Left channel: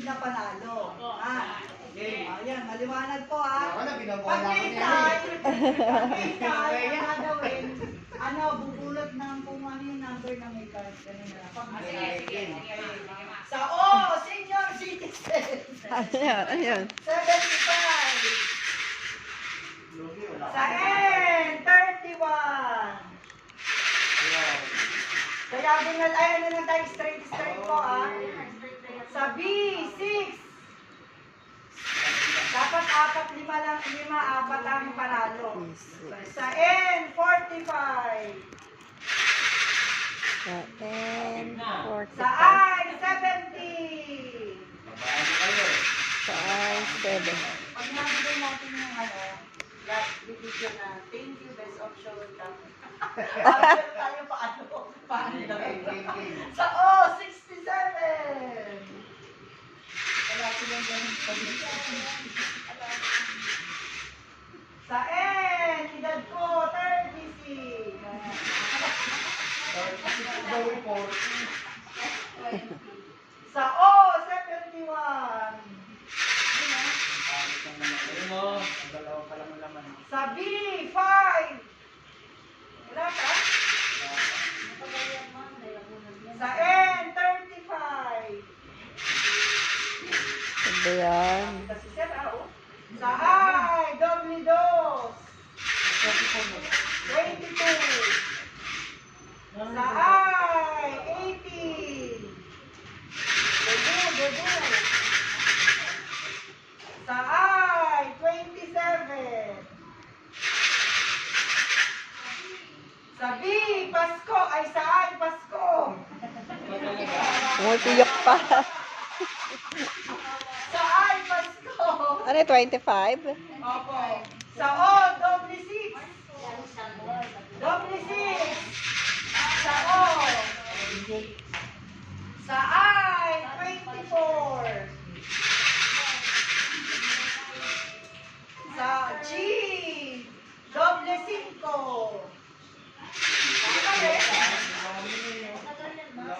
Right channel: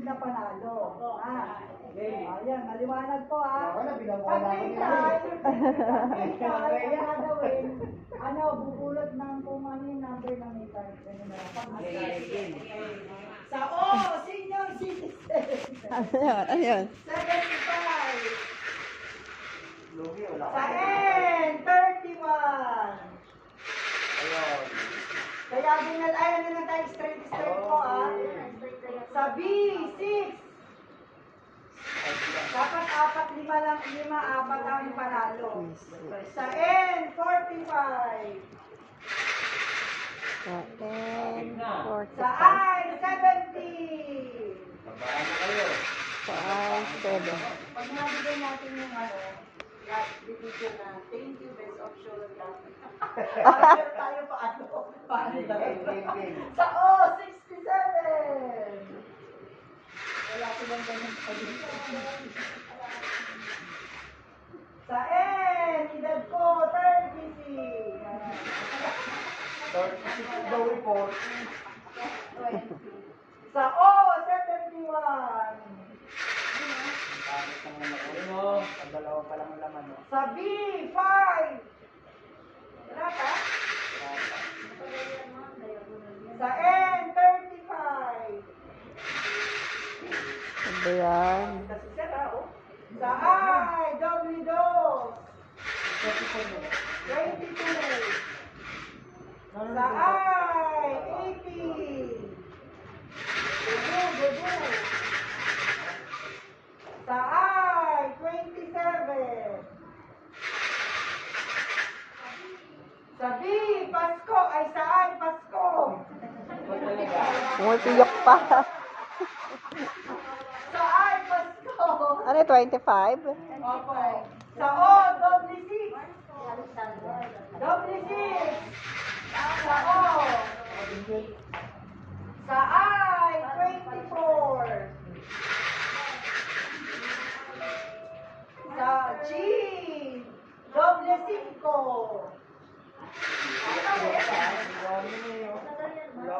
susunod na panalo. Okay. Ayan, maliwanag po ha. Wala, binabuhay Pag ako may niya. card, ang gagawin, bubulot ng kung ano yung number ng may card. Sa senior citizen. Ayan. 75. Sa N, 31. Kaya ayaw na tayo straight po Sa B, 6. Dapat 4, 5 lang, 4 ang panalo. Sa N, 45. Sa N, Sa 45. I, 70. Sa I, 7. Pag nabigay natin yung bibigyan na, thank you, best of show and love. Tayo paano Sa O, 67. Wala silang ganun Sa N, edad ko, 36. Sa O, 71. Sa B, 5. Wala ka? Sa N, 35. Sabi yan. Kasi sira, Sa I, doble dos. 22. Sa I, 80. Debu. Sa I, 27. Sa B, Pasko. Ay, sa I, Pasko. Umutiyok pa. Sa I, Pasko. Ano, 25? Opo. Sa O, doble 6. Doble 6. Sa O. Sa I, 24. Sa G, doble 5.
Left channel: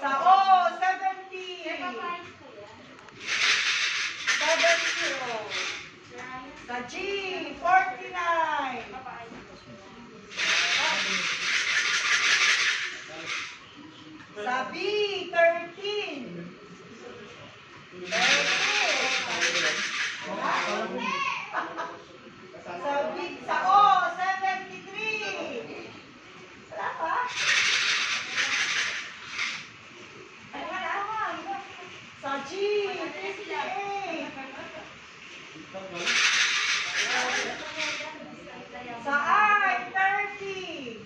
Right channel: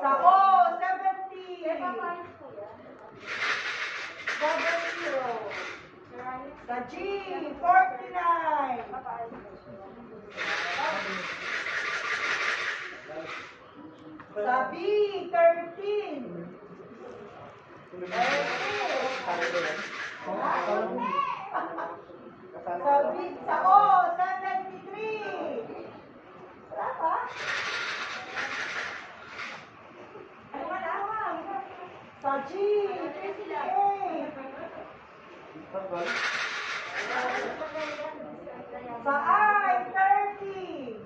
Sa O, 70. 70. Sa G, 49. Sa B, 13. Sa O, 73. Wala pa? Ay, wala. Sa G, 58. Sa I, 30.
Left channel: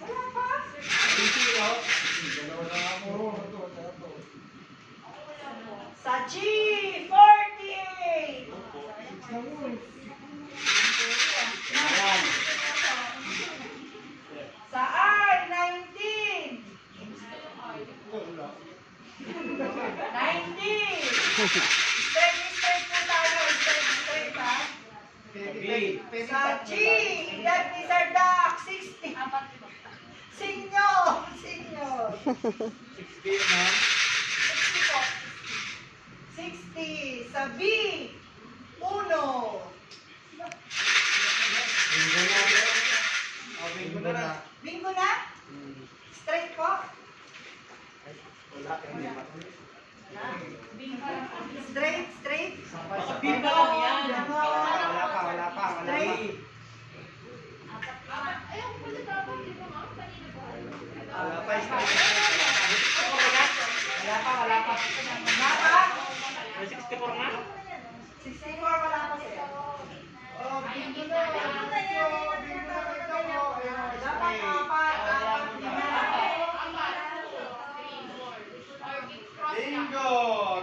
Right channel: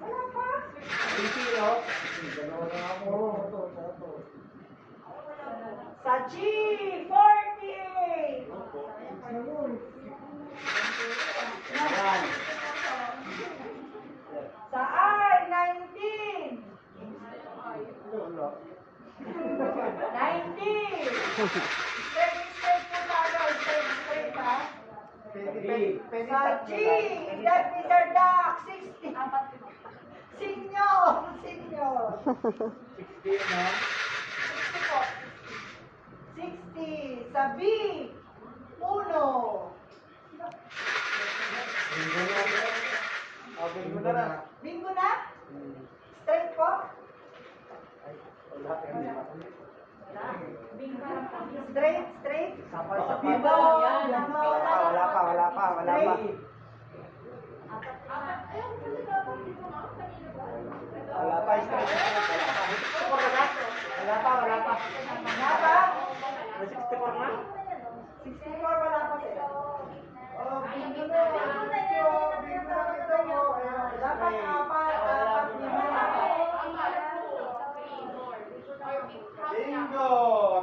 Wala pa? Sa G, 48. Sa I, 19. 19. Straight po tayo. Straight ha. Sa G, that is our duck, 60. Senior. 60. Sa B, 1. Bingo na? Straight po? Straight? Bingo! Wala pa. Straight. Wala pa. Wala pa? 64 nga. 64 wala pa sir. Oh, bingo na. Dapat 4, 5. Bingo!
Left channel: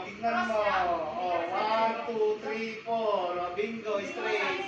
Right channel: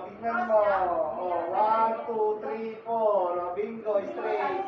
Tignan mo. 1, 2, 3, 4. Bingo, straight.